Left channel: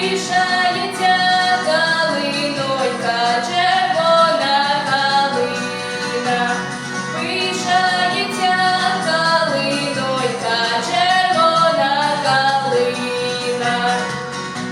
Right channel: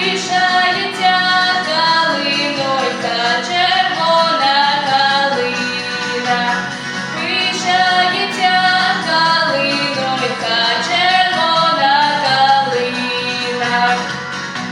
Krishna